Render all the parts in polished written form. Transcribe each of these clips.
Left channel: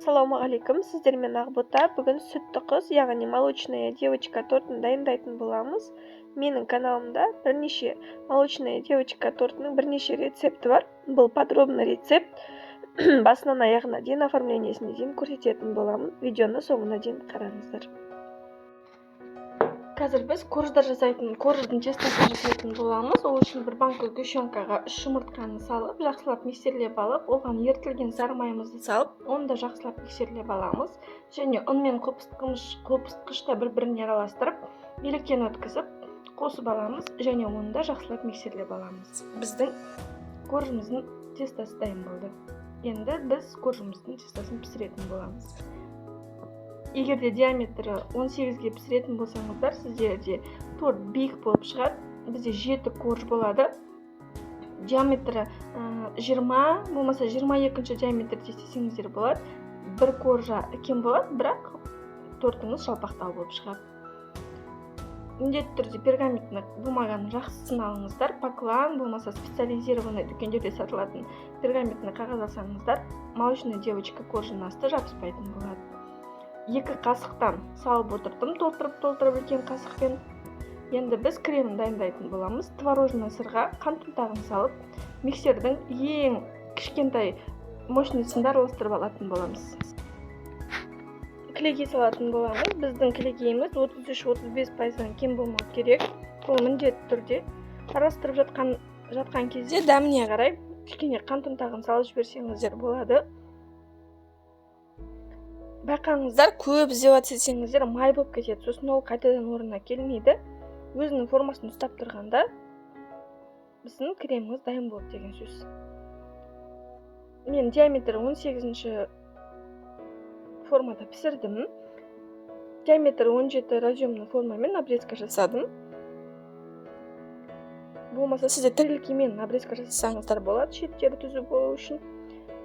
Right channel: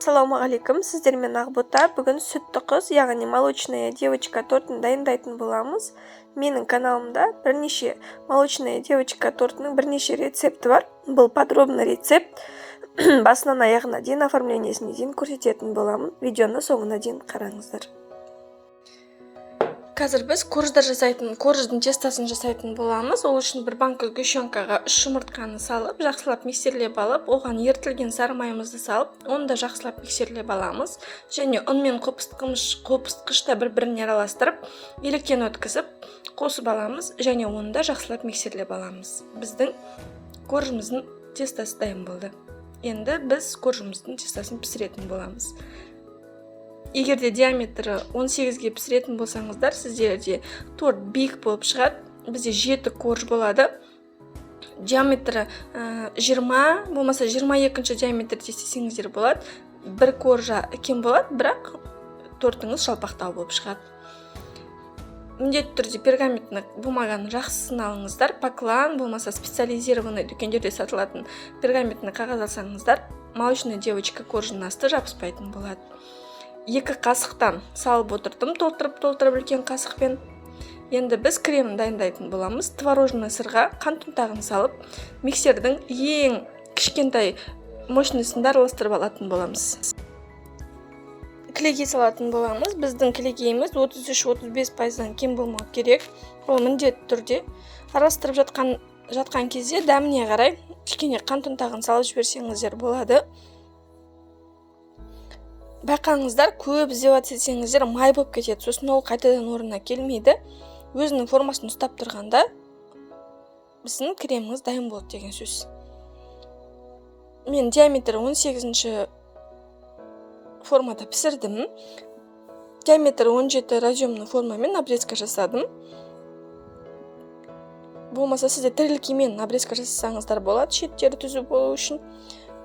Ассалаумағалейкум, сіздермен Ақбота. Бүгін сүтті қыз, яғни молочная девочка тортын дайындайтын боламыз. Менің каналымда бірнеше молочная девочка тортының бірнеше рецепті бар. Бұл подробный рецепт. Басынан аяғына дейін, оформлениесіне дейін көрсететін боламын. Видеоны соңына дейін қараңыздар. Қазір біз корждың тестасын жасайтын боламыз. Ол үшін бір банка сгущенкаға 3 жұмыртқаны салып, жақсылап миксерлеп алып, оған ертілген сары майымызды салып, оны да жақсылап миксерлеп аламыз. Және ұн мен қопыстқышта бір-біріне араластырып, електен өткізіп, қосып аламыз, және оны да жақсылап миксерлеп аламыз. Біздің коржымыздың тестасы дайын болды. Енді біз коржымыздың тестасын пісіретін боламыз. Егерде диаметрі 18-ге пісіретін болсаңыздар, сіздерде торт биік болып шығады. Бізде 7 корж болады. Диаметрі 20, болмаса 22 диаметрде істесеңіздер болады. Бір коржа кем болады, бірақ тортыңыз жалпақтау болып шығады. Міндетті түрде пергаментный бумаганы жақсысын алыңыздар. Поклан, болмаса специализированный дүкендерде сатылатын пергаментный қағаз алсаңыздар, молочная девочка коржының асты жабыспайтын болады. 2 қасықтан салып отырдым, толтырып үлкен қасықпен. Енді біз кремін дайындайтын боламыз. Творожный сырға қант ұнтағын салып, миксердің ең кішкентай мощностьсында араластырып алатын боламыз. Кілегей салатын боламыз. Біздің кілегейіміз 33-35% кем болмау керек. Ол міндетті түрде араластырып жатқан кезде дәміне қарай кішкене қант ұнтағын салып жіберсеңіздер болады. Байқаңыздар, көп іздеп етсеңіздер май болып кетеді. Сосын ол қайтадан орнына келмейді. Өзінің формасын ұстап тұрғанда біздің креміңіз дайын болды деген сөз. Мен диаметрі 18-ші формада пісірдім. Диаметрі 17 разъемный формамен обрезка жасадым. Болмаса сізде тірілкемен обрезка жасасаңыздар болады, шеттері түзу болу үшін.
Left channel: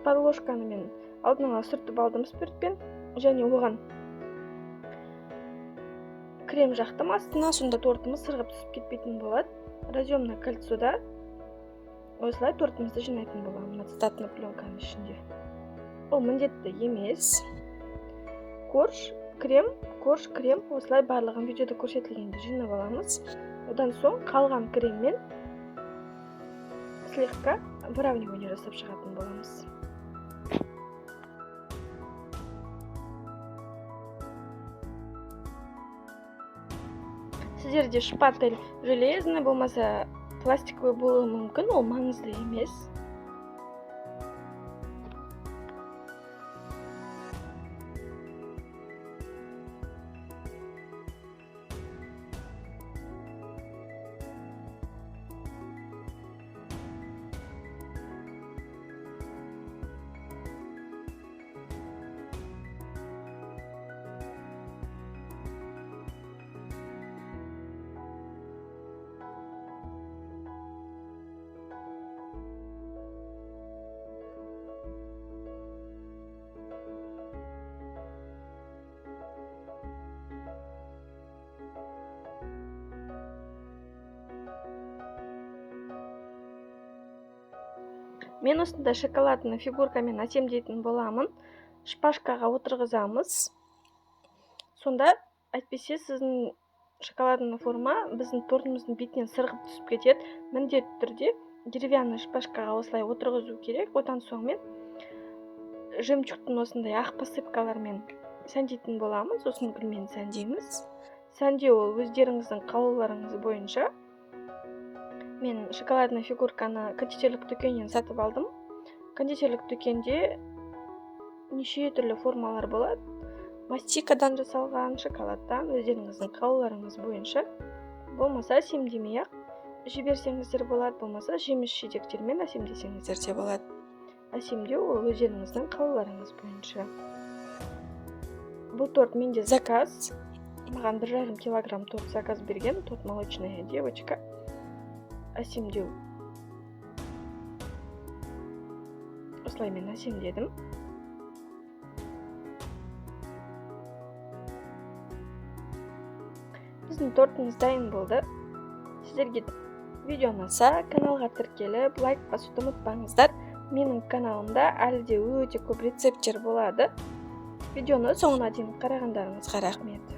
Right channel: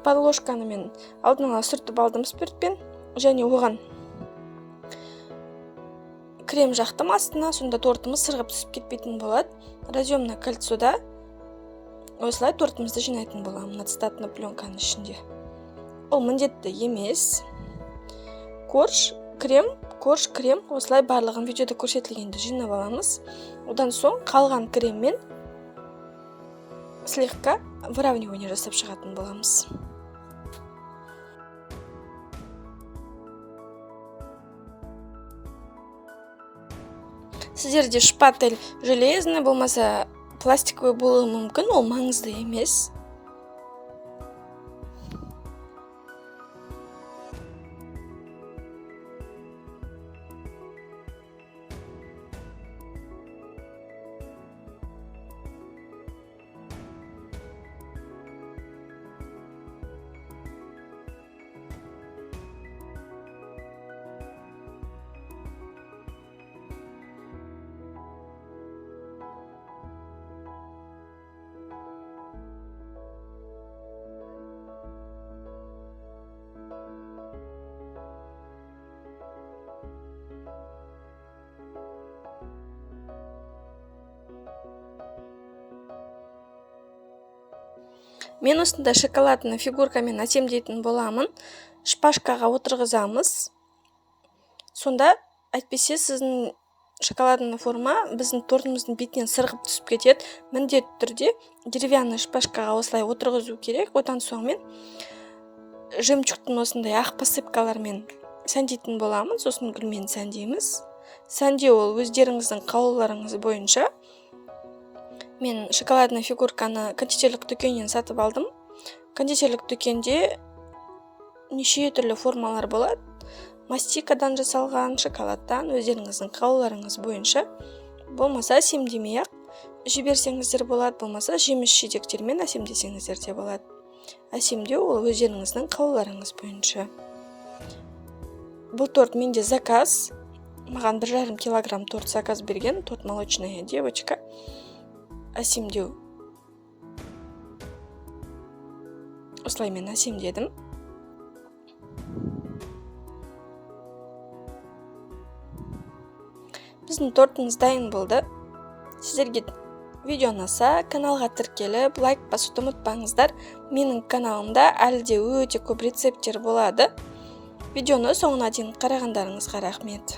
Подложканы мен алдын ала сүртіп алдым спиртпен. Және оған крем жақтым астына, сонда тортымыз сырғып түсіп кетпейтін болады. Разъемный кольцода осылай тортымызды жинайтын боламын отстатный пленканың ішінде. Ол міндетті емес. Корж, крем, осылай барлығын видеода көрсетілгенде жинап аламыз. Одан соң қалған креммен слегка выравнивание жасап шығатын боламыз. Сіздерде шпатель железный болмаса пластиковый болуы мүмкін, ол маңызды емес. Мен осында шоколадны фигуркамен әсемдейтін боламын. Шпажкаға отырғызамыз. Сонда әйтпесе сіздің шоколадный форма біздің тортымыздың бетінен сырғып түсіп кетеді. Міндетті түрде деревянный шпажкаға осылай отырғызу керек. Одан соң мен жемчугтың осындай ақ посыпкалармен сәндейтін боламын. Сосын гүлмен сәндейміз. Сәндеу ол өздеріңіздің қалауларыңыз бойынша. Мен шоколадный фигурканы кондитерлік дүкеннен сатып алдым. Кондитерлік дүкенде неше түрлі формалар болады. Мастикадан жасалған, шоколадтан, өздеріңіздің қалауларыңыз бойынша. Болмаса әсемдемей-ақ жіберсеңіздер болады, болмаса жеміс жидектермен әсемдесеңіздер де болады. Әсемдеу ол өздеріңіздің қалауларыңыз бойынша. Бұл торт менде заказ. Маған 1,5 килограмм торт заказ берген, торт молочная девочка. Әсемдеу. Осылай мен әсемдедім. Біздің тортымыз дайын болды. Сіздерге видео ұнаса, каналға тіркеліп, лайк басуды ұмытпаңыздар. Менің каналымда әлі де өте көп рецепттер болады. Видеоны соңына дейін қарағандарыңызға рахмет.